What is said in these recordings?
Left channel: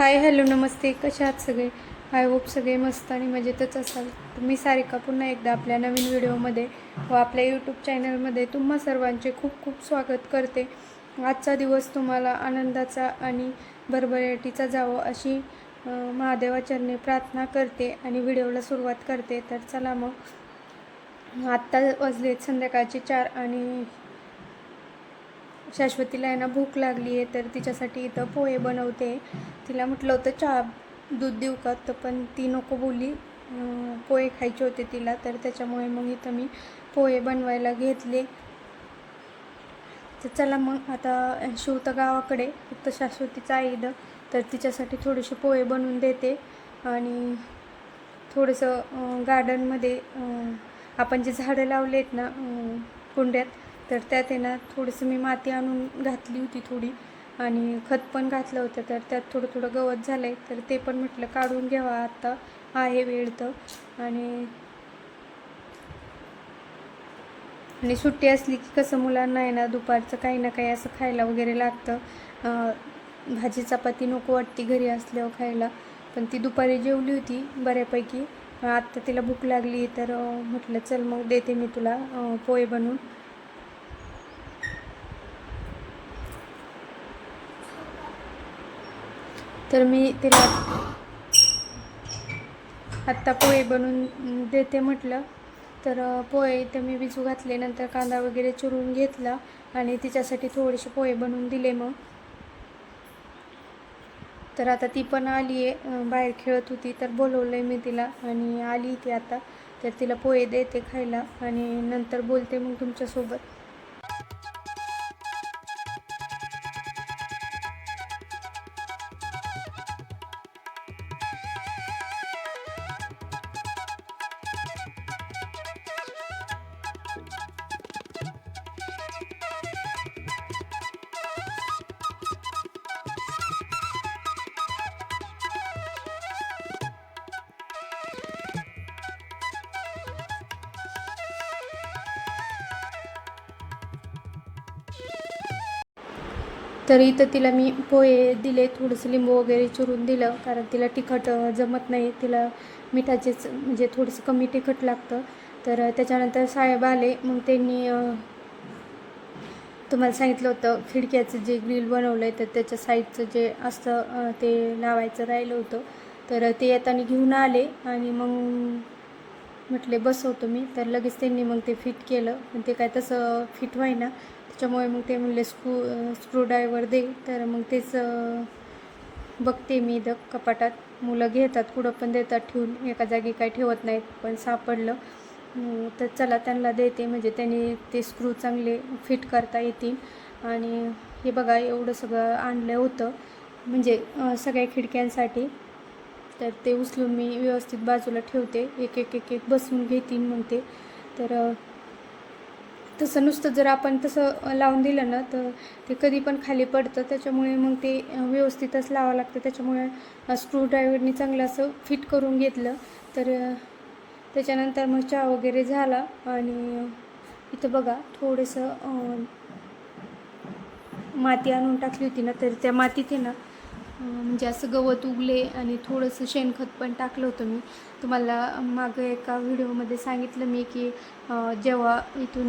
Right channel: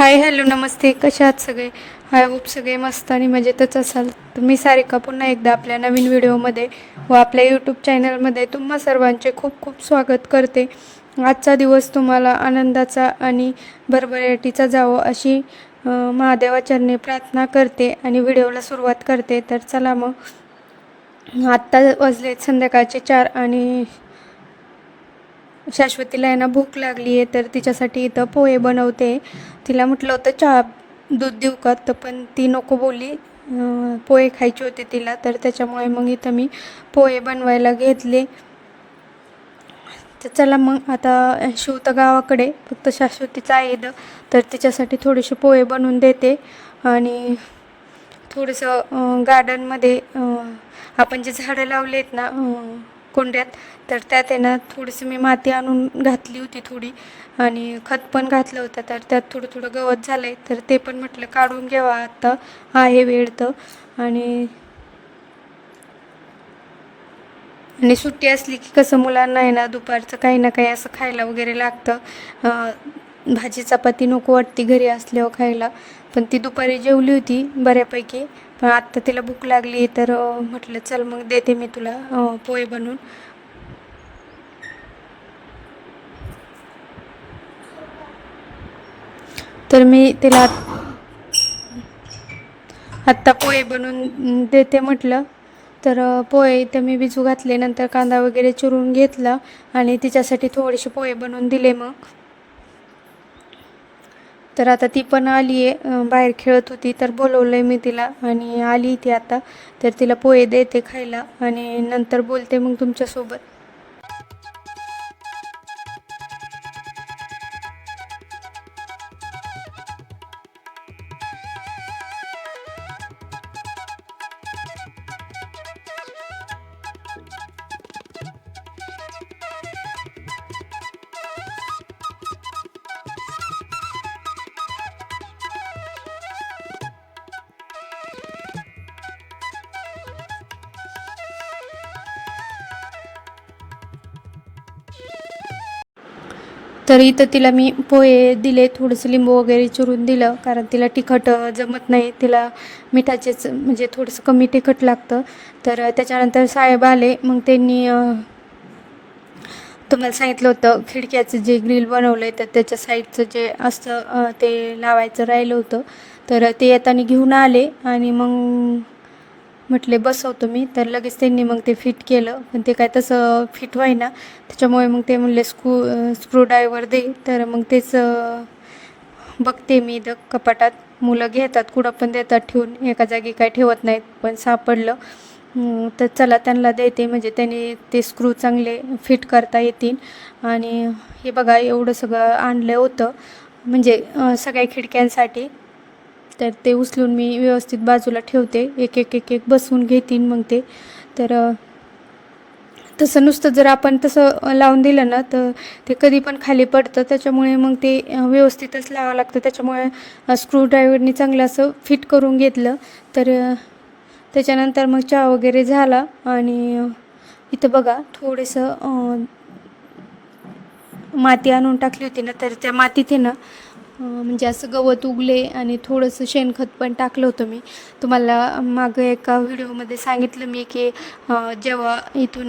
Hi hello नमस्ते. कशा आहात सगळे? हाय होप सगळे मस्त आणि मजेतच असाल. तुम्ही सारिका पुन्हा एकदा आपल्या नवीन व्हिडिओमध्ये व आपल्या यूट्यूब चॅनलमध्ये तुम्हा सर्वांचे खूप खूप स्वागत करते. आजचा दिवस तुम्हाला आनंदाचा आणि भरभराटीचा जावं अशी महादेवाचरणे महादेवाचरणी प्रार्थना करते आणि व्हिडिओला सुरुवात करते. तर चला मग. आत्ता वाजले संध्याकाळचे चार आणि शाश्वतीला आहे ना भूक लागली आहे तर तिच्यासाठी इथं पोहे बनवते. तिला म्हटलं होतं चहा दूध देऊ का? तर पण ती नको बोलली. पोहे खायचे होते तिला तर त्याच्यामुळे मग इथं मी पोहे बनवायला घेतले. तर चला मग आता शिव तर गावाकडे फक्त शाश्वतीचं आहे तर तिच्यासाठी थोडेसे पोहे बनवून देते. आणि थोडंसं गार्डनमध्ये आपण जे झाडं लावले आहेत ना कुंड्यात तर त्यात आहे ना थोडीशी मी माती आणून घातली होती थोडी आणि खत पण घातलं होतं तर त्यात थोडं थोडं गवत झालं आहे तर ते पण म्हटलं काढून घ्यावा आत्ता आहे वेळ तर. आणि आणि सुट्टी असली की कसं मुलांना आहे ना दुपारचं काही ना काही असं खायला वगैरे लागतं. भाजी चपाती नको वाटती घरी असल्यावर खायला पण ती दुपारी जेवली होती बऱ्यापैकी. पण आत्ता तिला भूक लागली तर म्हटलं चल मग देते मी तुला पोहे बनवून. तर मी तिला आत्ता पोहे बनवून देते म्हटलं. तर पोहे इथं मी भिजू घातले. नंतर कांदा वगैरे चिरून घेतला आणि तिच्यासाठी थोडेसे पोहे बनवून दिले मग. तर आता ती पण आली आहे. बाहेर खेळत होती. तर बोलवलं आहे मी तिला आणि आली ती आता. तर तिला पोहे देते खायला आणि नंतर बोलते मग तुमच्यासोबत. तर इथं तिला मी पोहे दिले थोडंसं लिंबू वगैरे चिरून दिलं कारण तिला तिखट जमत नाही. तिला मिठाचेच म्हणजे थोडंसं कमी तिखट लागतं. तर त्याच्यानंतर साहेब आले. मग त्यांनी तुम्हाला सांगितलं होतं खिडक्याचं जे ग्रिल बनवलं आहे तर त्याच्या साईडचं जे असतं ते लावायचं राहिलं होतं. तर ते येताना घेऊन आले. आणि मग म्हटले बसवतो मी. तर लगेच त्यांनी मग ते फिट केलं. पण ते काय तसं फिट व्हायना. त्याच्यामुळे मग ते म्हणले स्क्रू स्क्रूड्रायव्हर दे. तर मग तेच बघते मी इथं कपाटात. मुलं घेतात कुठं पण देतात ठेवून. एका जागी काय ठेवत नाहीत पण सापडलं. तर चला त्यांना देते. म्हणजे त्यांनी ते स्क्रू चांगले फिट करता येतील. आणि हे बघा एवढं सगळं आणलं होतं. म्हणजे सगळ्या खिडक्यांसाठी. तर ते उचलून मी व्यवस्थित बाजूला ठेवते. एक एक एक एक बसवून घेतीन मग ते. तर तसं नुसतं जर आपण तसं लावून दिलं ना तर ते कधी पण खाली पडतं. त्याच्यामुळे मग ते व्यवस्थितच लावावं लागतं. त्याच्यामुळे स्क्रू ड्रायव्हरनी चांगलं असं फिट करून घेतलं. तर त्याच्यानंतर मग चहा वगैरे झाला आणि इथं बघा थोडंसं माती आणून टाकली होती ना तर त्या मातीत ना म्हणजे असं गवत उगले आणि थोडंसं शेणखत पण टाकलं होतं मी. तुम्हाला मागं एका व्हिडिओमध्ये सांगितलं मी की जेव्हा इथून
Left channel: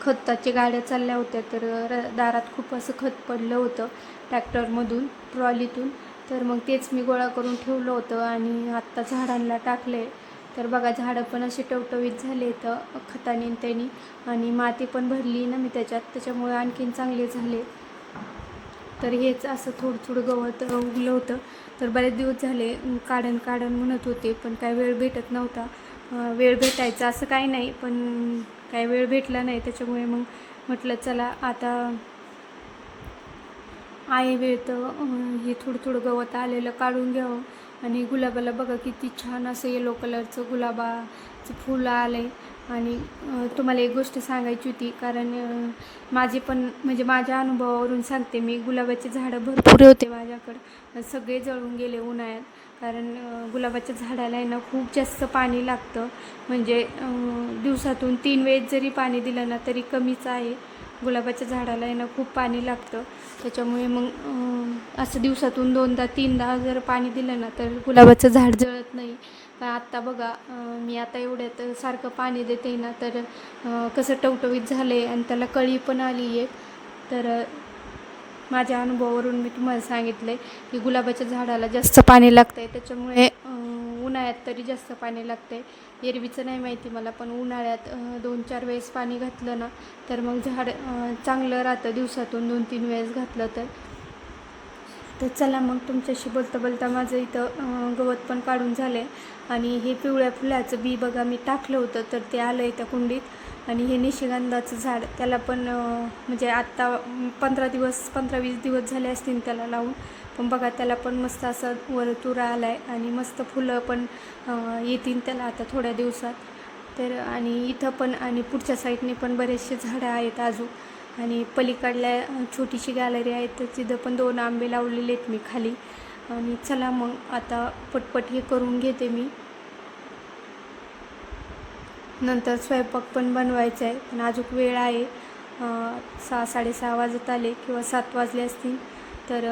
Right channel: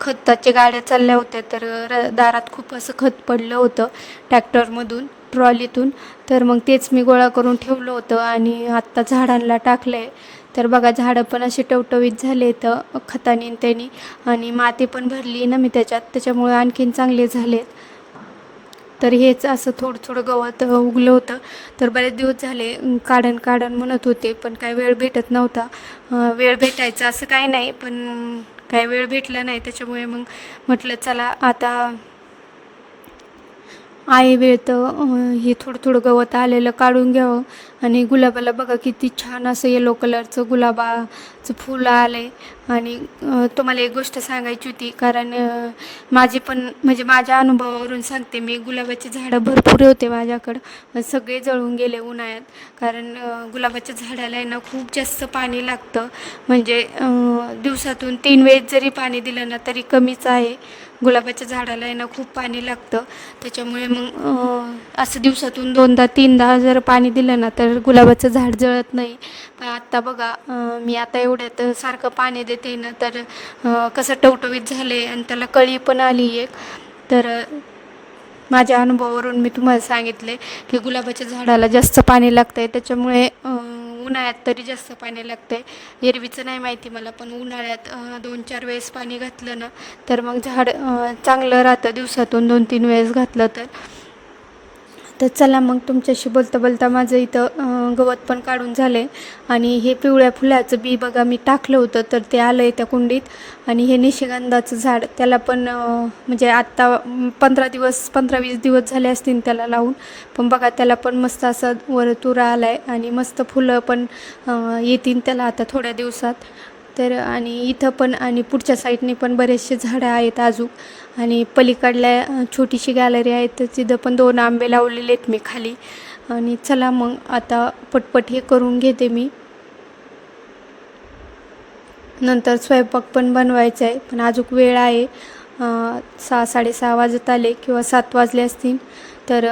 खताच्या गाड्या चालल्या होत्या तर र दारात खूप असं खत पडलं होतं ट्रॅक्टरमधून ट्रॉलीतून. तर मग तेच मी गोळा करून ठेवलं होतं आणि आत्ता झाडांना टाकलं आहे तर बघा झाडं पण अशी टवटवीत झाले तर खताने त्यांनी. आणि माती पण भरली ना मी त्याच्यात त्याच्यामुळे आणखीन चांगले झाले तर हेच असं थोडं थोडं गवत उगलं होतं. तर बरेच दिवस झाले काढण काढण म्हणत होते पण काही वेळ भेटत नव्हता. वेळ भेटायचा असं काही नाही पण काही वेळ भेटला नाही. त्याच्यामुळे मग म्हटलं चला आता आहे वेळ तर हे थोडं थोडं गवत आलेलं काढून घ्यावं. आणि गुलाबाला बघा किती छान असं येलो कलरचं गुलाबाचं फुलं आलं आहे आणि तुम्हाला एक गोष्ट सांगायची होती. कारण माझे पण म्हणजे माझ्या अनुभवावरून सांगते मी गुलाबाची झाडं भरपूर होते माझ्याकडं. सगळे जळून गेले उन्हाळ्यात. कारण गुलाबाच्या झाडाला आहे ना खूप जास्त पाणी लागतं. म्हणजे दिवसातून तीन वेळेस जरी पाणी दिलं ना तरी कमीच आहे. गुलाबाच्या झाडाला आहे ना खूप पाणी लागतं. त्याच्यामुळे मग असं दिवसातून दोनदा तीनदा जर पाणी दिलं ना तर गुलाबाचं झाड जळत नाही. पण आत्ता बघा मी आता एवढ्यात सारखं पाणी येते ना तर कसं टवटवीत झाले आणि त्याला कळी पण आली एक. तर माझ्या अनुभवावरून मी तुम्हाला सांगितले की गुलाबाच्या झाडाला जास्त पाणी लागतं आहे त्याच्यामुळे उन्हाळ्यात तरी जास्त पाणी लागतं आहे एरवीचं नाही माहिती मला पण उन्हाळ्यात दोन चार वेळेस पाणी घातलं ना तर मग झाड चांगलं राहतं. दिवसातून दोन तीन वेळेस घातलं तर. तर चला मग तुमच्याशी बोलता बोलता माझं इथं गवत पण काढून झालं आहे आणि हे पिवळ्या फुलाचं बी बघा मी टाकलं होतं तर ते आलं आहे त्या कुंडीत. आणि हे निशिगंधाचं झाड त्याला पण म्हणजे आत्ता पंधरा दिवस पंधरा वीस दिवस झाले असतील त्याला लावून. पण बघा त्याला पण मस्त असं वर तुरा आला आहे आणि मस्त फुलं पण येतील त्याला आता थोड्या दिवसात. तर आणि इथं पण आणि पुढच्या साईडने पण बरेचसे झाडं आहेत अजून आणि पलीकडल्या छोटीशी गॅलरी आहे तर तिथं पण दोन आंबे लावलेले आहेत मी खाली. आणि चला मग आता पटपट हे करून घेते मी. नंतर स्वयंपाक पण बनवायचा आहे पण अजून वेळ आहे. सहा साडेसहा वाजत आले किंवा सात वाजले असतील तर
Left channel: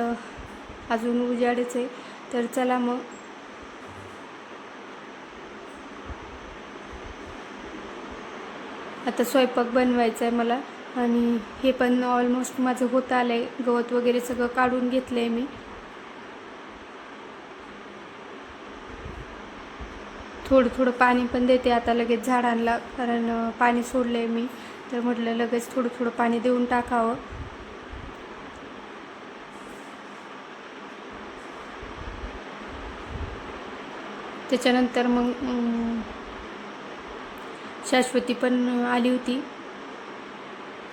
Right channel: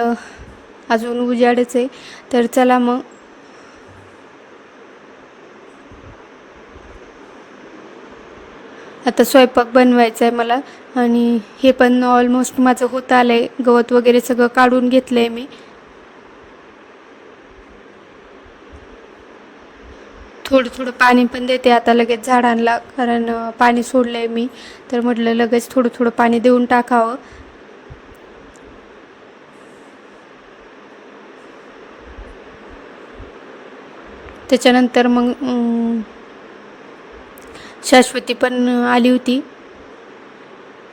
अजून उजाडच आहे. तर चला मग आता स्वयंपाक बनवायचा आहे मला आणि हे पण ऑलमोस्ट माझं होत आलं आहे गवत वगैरे सगळं काढून घेतलं आहे मी. थोडं थोडं पाणी पण देते आता लगेच झाडांना कारण पाणी सोडलं आहे मी. तर म्हटलं लगेच थोडं थोडं पाणी देऊन टाकावं. त्याच्यानंतर मग शाश्वती पण आली होती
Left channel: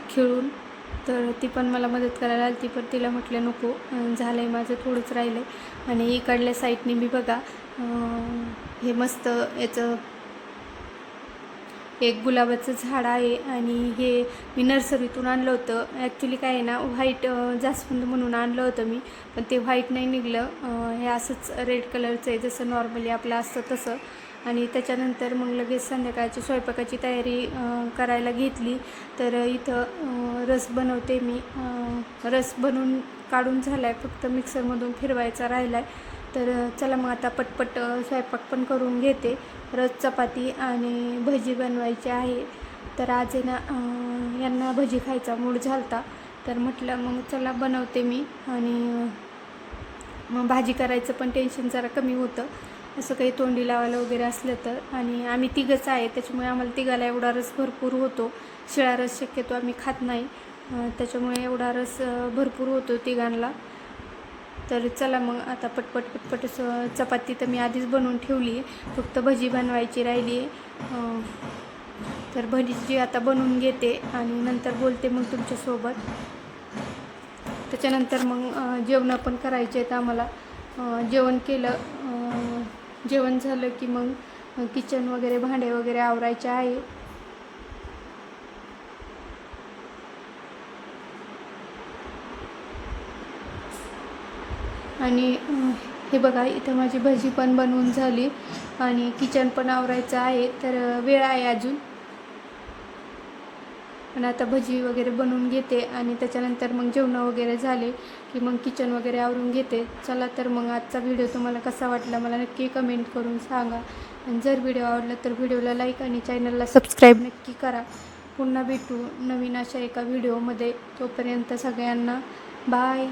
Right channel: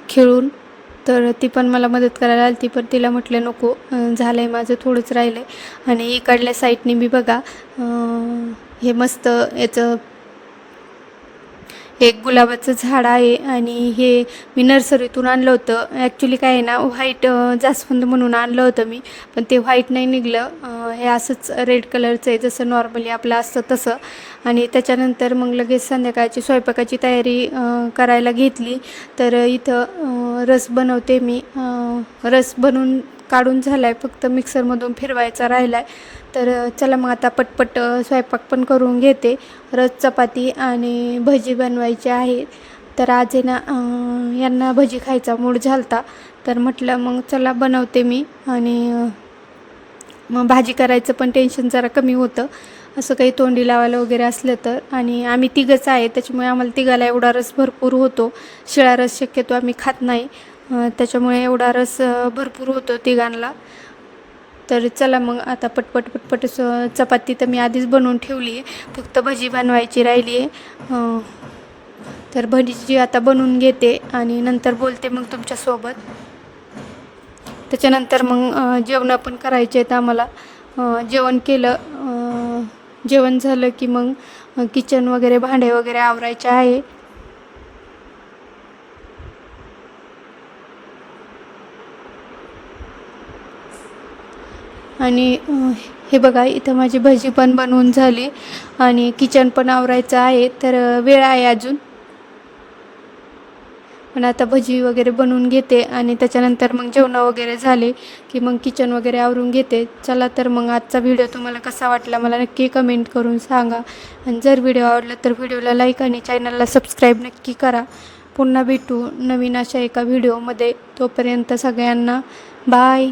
खेळून. तर ती पण मला मदत करायला आली ती पण तिला म्हटलं नको झालं आहे माझं थोडंच राहिलं आहे आणि इकडल्या साईडने मी बघा हे मस्त याचं एक गुलाबाचं झाड आहे. आणि हे मी नर्सरीतून आणलं होतं. ॲक्च्युली काय आहे ना व्हाईट जास्वंद म्हणून आणलं होतं मी. पण ते व्हाईट नाही निघलं. हे असंच रेड कलरचं आहे जसं नॉर्मली आपलं असतं तसं. आणि त्याच्यानंतर मग लगेच संध्याकाळची स्वयंपाकाची तयारी करायला घेतली. तर इथं रस बनवते मी. रस बनवून काढून झाला आहे फक्त मिक्सरमधून फिरवायचा राहिला आहे तर चला मग आता पटपट स्वयंपाक पण करून घेते. रस चपाती आणि भजी बनवायची आहे. तर आज ना यांना भजी खायचा मूड झालता. तर म्हटलं मग चला बनवते मी आणि मग भाजी करायचं पण टेन्शन जरा कमी होतं. असं काही तोंडी लावायला वगैरे असलं तर. आणि आम्ही तिघंच आहे त्याच्यामुळे आम्हाला तिघाला एवढा रस भरपूर होतो. शिळा रस शक्यतो आम्ही खात नाही. त्याच्यामुळे एवढा रस भरपूर होतो तिघांना तर चला मग आता पटपट पटपट चपाती तर मी आधीच बनवून ठेवली आहे. फक्त भजी बनवायची राहिली आहे. तर भजीची आता बनवून घेते आणि नंतर बोलते मग तुमच्यासोबत. त्याच्यानंतर मग जेवणं पण करायचे आहेत आम्हाला. जेवण केलं जेवण झालं की मग किचन वगैरे भांडे वगैरे आवरायचे आहे. आणि हे बघा इथं माझी भजी पण बनवून झाली. आणि किचन पण आवरायचं आहे. तर वेळ आहे अजून. पण आता भजी वगैरे बनवून घेते आणि त्याच्यानंतर मग जेवणं वगैरे झाले की मग किचन वगैरे आवरून घेते. चला तर मग आजचा व्हिडिओ तुम्हाला कसा वाटला मला नक्की कमेंट करून सांगा. आणि जर व्हिडिओ आवडला तर व्हिडिओला लाईक आणि चॅनलला सबस्क्राईब नक्की करा. पुन्हा भेटू नवीन अशा एका व्हिडिओमध्ये तोपर्यंत सगळ्यांना बाय